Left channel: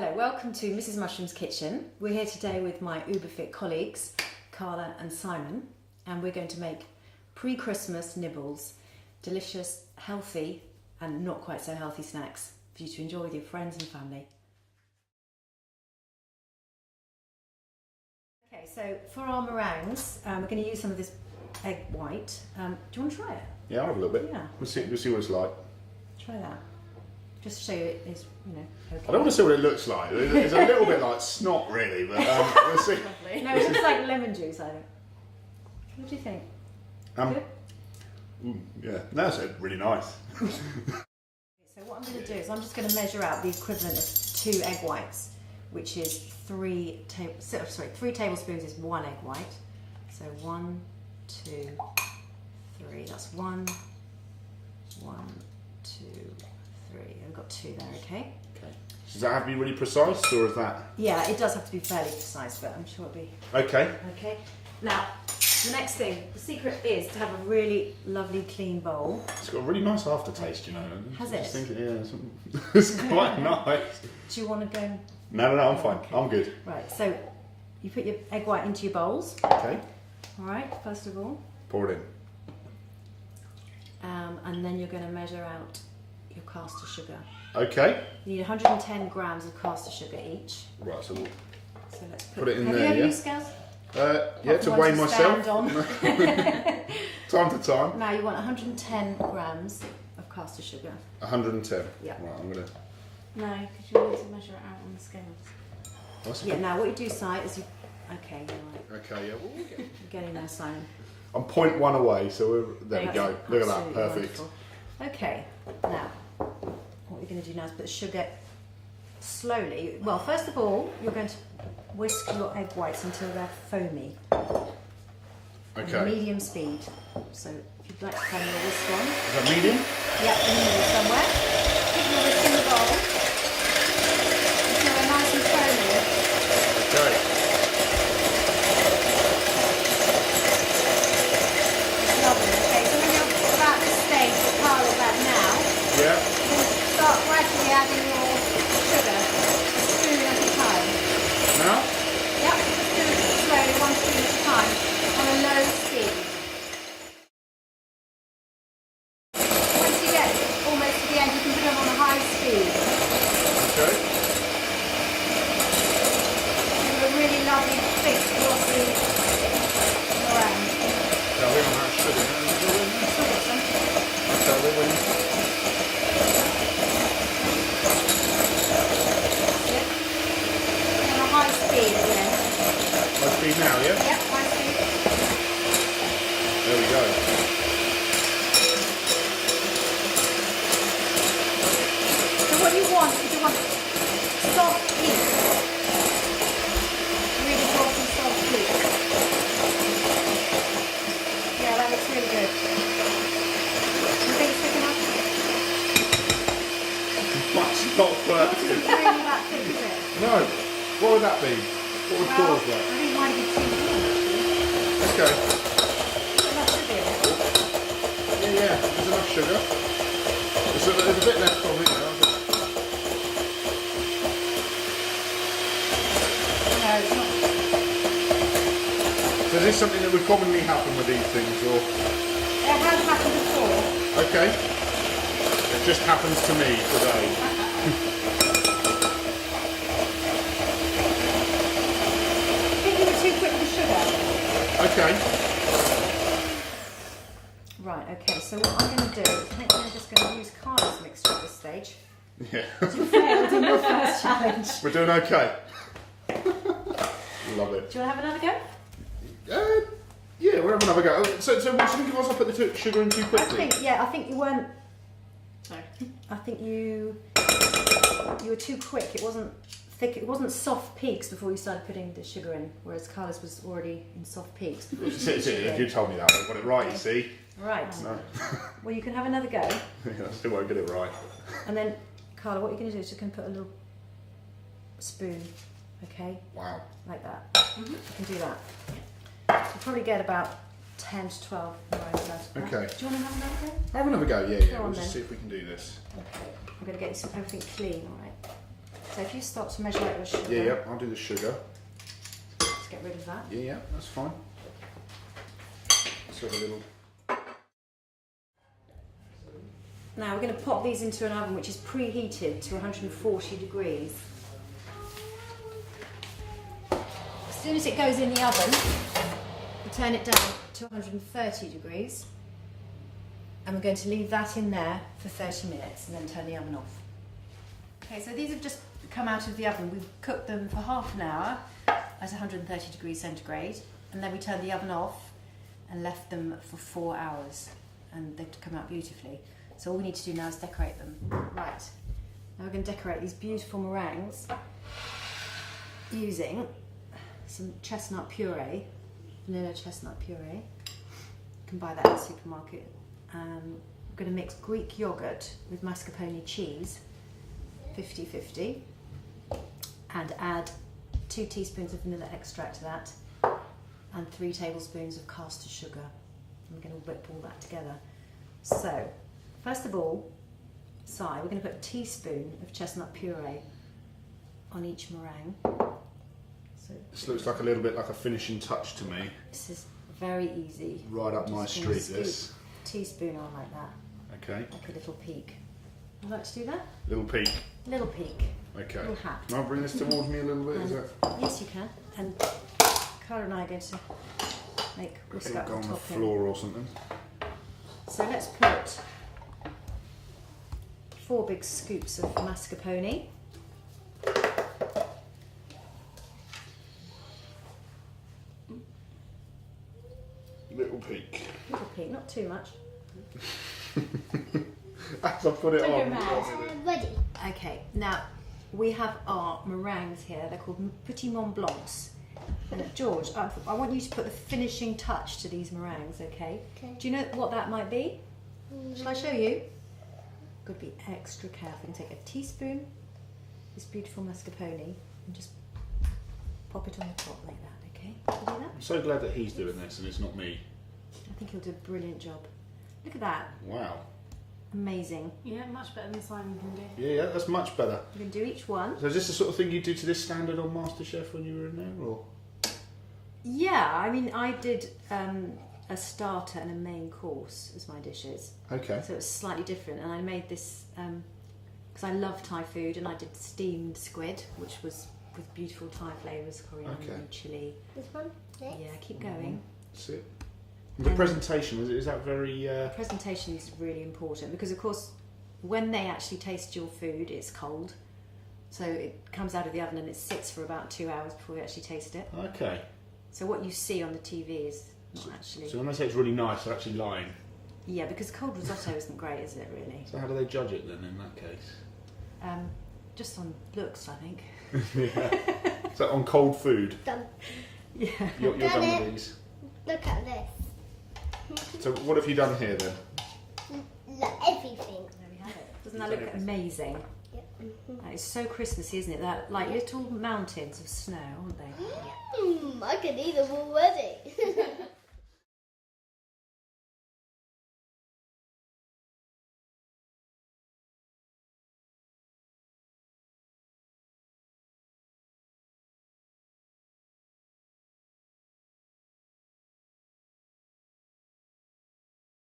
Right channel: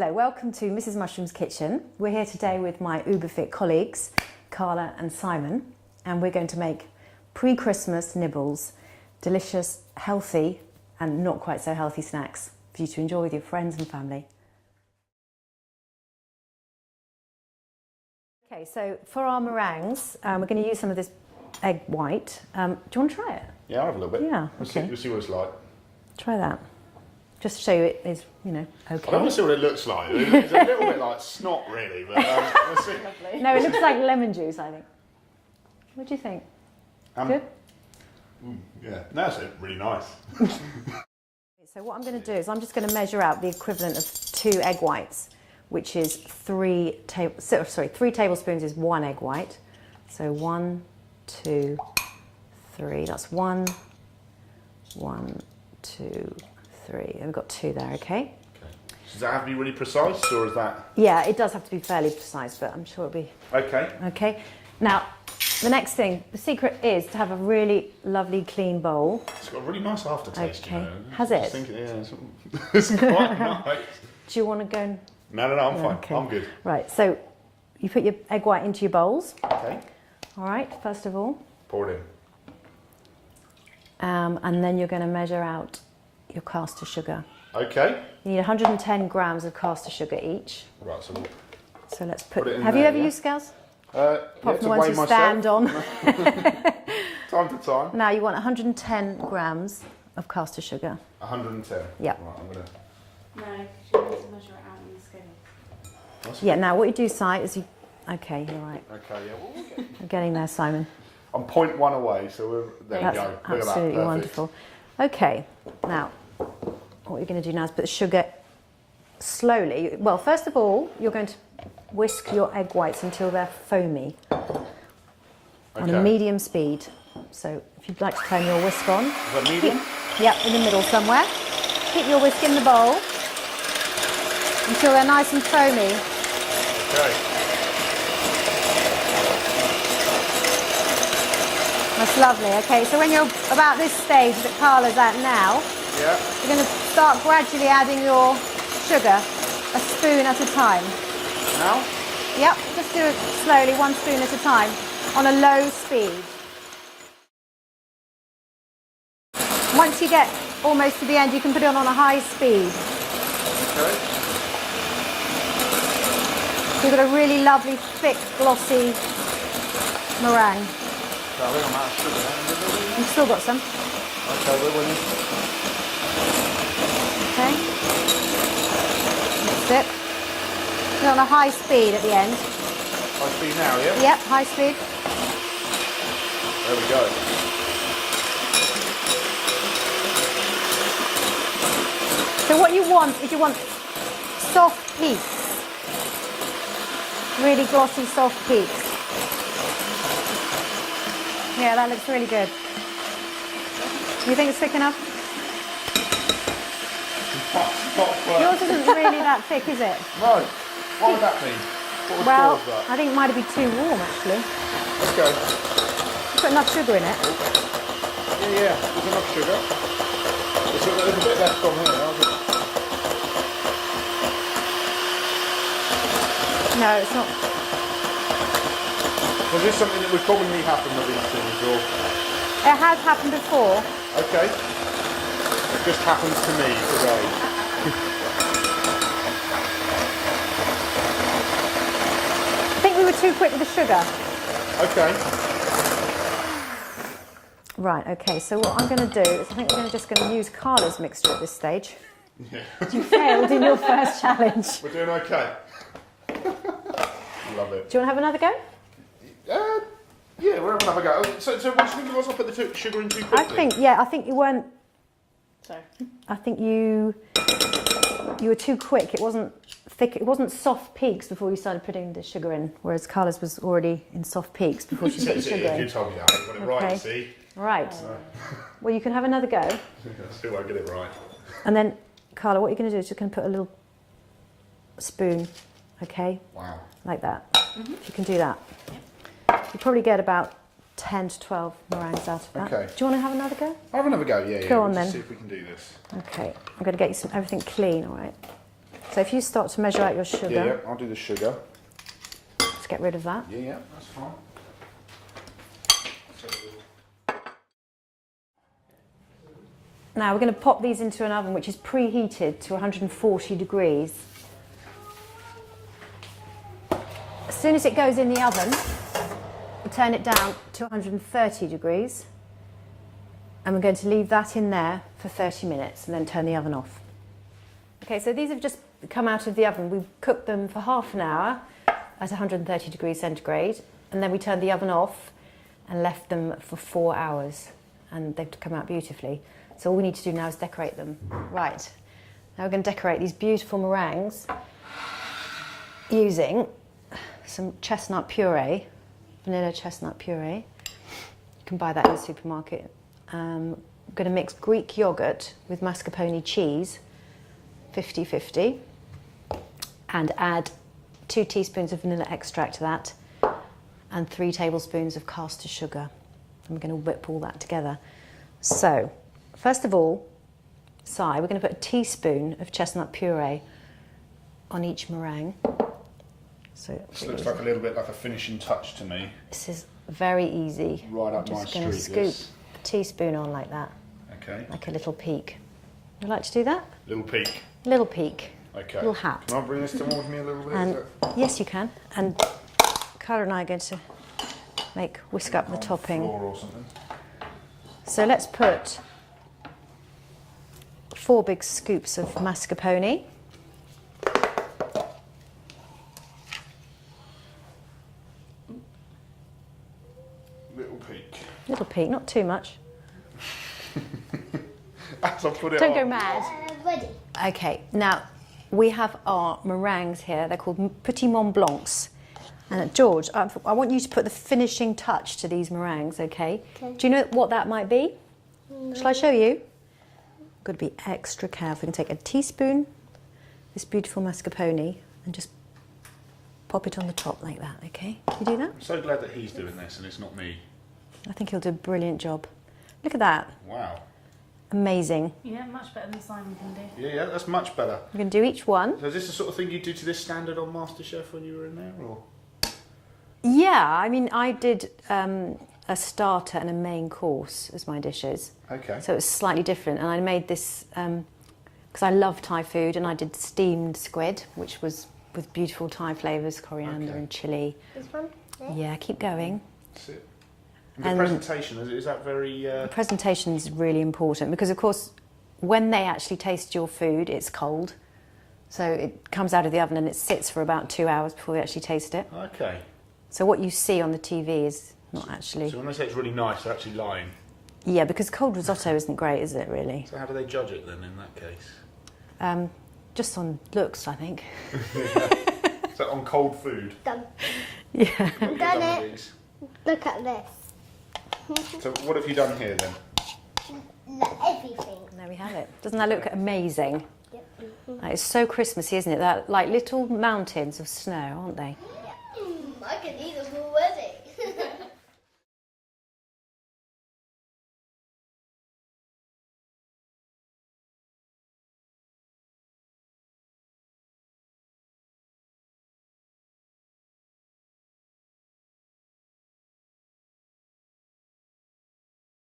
Hello, welcome to Mrs. Mushroom's Kitchen. We're here today with my Oobafit colleagues, Carla and Simon, and we're going to make pre-Christmas nibbles, delicious, healthy and not quite so healthy snacks for you to enjoy with your friends and family. Okay, so for our meringues, we're going to use some of this egg white. Do you want to try it? Yeah, I'll have a little bit. Yeah. We'll see what it's like. Try that. Just to show you it is, okay. I don't want to see what it looks like. It's a little bit like snot, really, but we'll see. No, it looks like lemon juice, I think. What do you think? Good? Yeah, that's really nice. So what I'm going to do is I'm just going to measure out the equivalent of 2 egg whites, which is 3 tablespoons is 1 egg white. So 1, 2, 3. That's 1, 1, 2, 3. And we've got 2 there, okay? Okay. Does that have to be really precise, or is that? Yeah, it does have to be fairly precise, but I'm sure it'll be. Okay. Okay. Now, the next thing, the secret is to have a really lovely clean bowl. It's got a really nice aftertaste. Okay. You know? Has it? Thinking, yeah, it's quite nice. Do you want to go and... No, I'm fine. Okay. I'm good. Right, so you put your egg white into your bowls. Okay. All right, first of all. Pour it in. And then you're going to measure out your caster sugar. Okay. You need 110 grams of caster sugar each. Right, so So let's put it in have there, you ever yeah? used scales? Yeah, to weigh myself. Stand on. Time to time. Now you want 110 grams of caster sugar. 110. Yeah. Right, I'm gonna. No, because you need to measure it out on the scales. Yeah. Now what you do, Si, is you. Okay, you're right. Okay, yeah. Well, we'll get. I'm getting there, Simon. I'm 0.1 away, so there That's we go. Look at that. absolutely Perfect. wonderful. Okay. Now, what you're going to do now is put the sugar slowly. Well, first of all, you're going to whisk your egg whites until they're foamy on a medium speed. So if you'd like to turn your whisk on. Is that medium? Yep, in the middle somewhere. Keep your whisk in the bowl until they're nice and foamy. Okay. That's lovely. Okay, so when you're about this stage, Carla's at now, Yeah. you're going to start gradually adding your sugar, a spoon at a time. Now? Yep, just do it slowly, 1 spoon at a time, on a low speed. Once you get almost to the end, you can put it on a high speed. Okay. You've got a really lovely, thick, glossy meringue. So hang on, that's sugar. You've still got some. Okay. Okay. That's it. Put it on a high speed at the end. High speed now, yeah? Yep, high speed. There we go. So what you want is you want soft peaks. Really glossy, soft peaks. Yeah, that looks really good. You think it's thick enough? That's not Yours isn't really that thick, is it? No. What would that be? What would Well, cause that? I think it might be too warm, actually. Okay. You've got enough sugar in it. Yeah, there's enough sugar. There's a bit left on here. No, it's not. So is this something that would commonly happen with these things, or? It has happened before. Okay. It just happens to me today. I think we were too quick with the sugar. Okay. Right, okay, so what I'm going to do is I think we're just going to use Carla's mixture at this stage. Yeah. You failed in your first challenge. We're doing okay. Love it. Do you want to have another go? Yeah, we're having another go. So what do you think if I put the sugar in too quickly? I think you weren't. Sorry. I think you were too quick. It wasn't thick. It wasn't soft peaks before you started putting the sugar in, whereas Carla's was already in soft peaks before she put the sugar You in. told me that. I got it right, Okay. see? Right. No. Well, you can have another go, I still won't get it right. and then Carla, what you're going to do is just going to put a little spoon, okay, Wow. like that. You can do that. You'll probably get about 10 to 12 meringues out of that. Okay. Do you want to have another go? I'll have another go, yeah. Go We'll on just then. see if we can do this. Okay. I'm going to get you everything clean, all right? So if you start to measure out your sugar, Yeah, I'll do the sugar. let's get rid of that. Yeah, that's fine. So a little. Now we're going to pop these into an oven which is preheated to 140 degrees. As soon as it goes in the oven, we turn it down to 130 degrees and we're going to leave that in there for 30 minutes and then turn the oven off. Okay, so these have just come out of the oven. We've cooked them for half an hour at 130 degrees centigrade and then we turned the oven off and left them for 4 hours and they've come out beautifully. So all we need to do now is decorate them. Right, now we're going to decorate these beautiful meringues using some chestnut puree, vanilla chestnut puree. You can buy that in the supermarket. I'm going to mix Greek yogurt with mascarpone cheese, 50-50, and add 2 teaspoons of vanilla extract to that and 3 tablespoons of caster sugar. And we're going to whip all that together. So, first of all, we're going to put a teaspoon of chestnut puree on each meringue. So This looks like a little bit like a finishing touch to me. this is very easy. Right up I'm my just going to street, scoop this. a teaspoon on like that, Okay. like a little peak. Would you like to do that? Little peak. Little peak. Okay. Little hat. Can I bring this towards me a little bit? And Is yes, you can. And Cara and I are going to whisk up the on topping. floor or something? So let's put 4 big scoops of mascarpone. Little peak. Little peak, not too much. As I put it Don't on. go mad. Ready. Okay, now we have our meringues here. They're called Petit Mont Blancs. And George, I want you to put the finishing touch to these meringues, okay? Okay. Do you know what that might be? No. Shall I show you? Got to be extra careful. You can take a teaspoon, this beautiful mascarpone, and just pop it on the top like that, okay? Can you do that? I'm so glad that he's doing this and it's not me. I think he'll do a brilliant job. Look at that. Wow. Amazing. Yeah, much better than Simon can do. Yeah, that's much better. We're going to do each one. So is this the sort of thing you do to this standard on MasterChef when you were in there, or? Yeah, I mean, I did a starter and a main course as my dishes. Okay. So it was slightly different. And I made this because I love Thai food, and I did steamed squid, which was with beautiful Thai flavours, coriander Okay. and chilli. This one? Yeah, keep going. That's it. And the And- presentation, is that very... The presentation is really important because, of course, when they actually taste your food, it's cold. So it comes out of the oven and it sits for about 2 hours before they actually taste it. Okay. So what you see on the TV is not actually... So when they say it's really nice, they're actually lying. Yeah, because cold risotto isn't great, is it, really? So how do they judge it then in that case? Just on looks, I think. So on cold food? Done. Yeah. You're Done done it. with these. Look at this. So what have you done here then? Look, everything. There we have it. Doesn't that look amazing? Yep. It's so Christmassy, isn't it? That like little mountains of snow, aren't they? I can eat them already.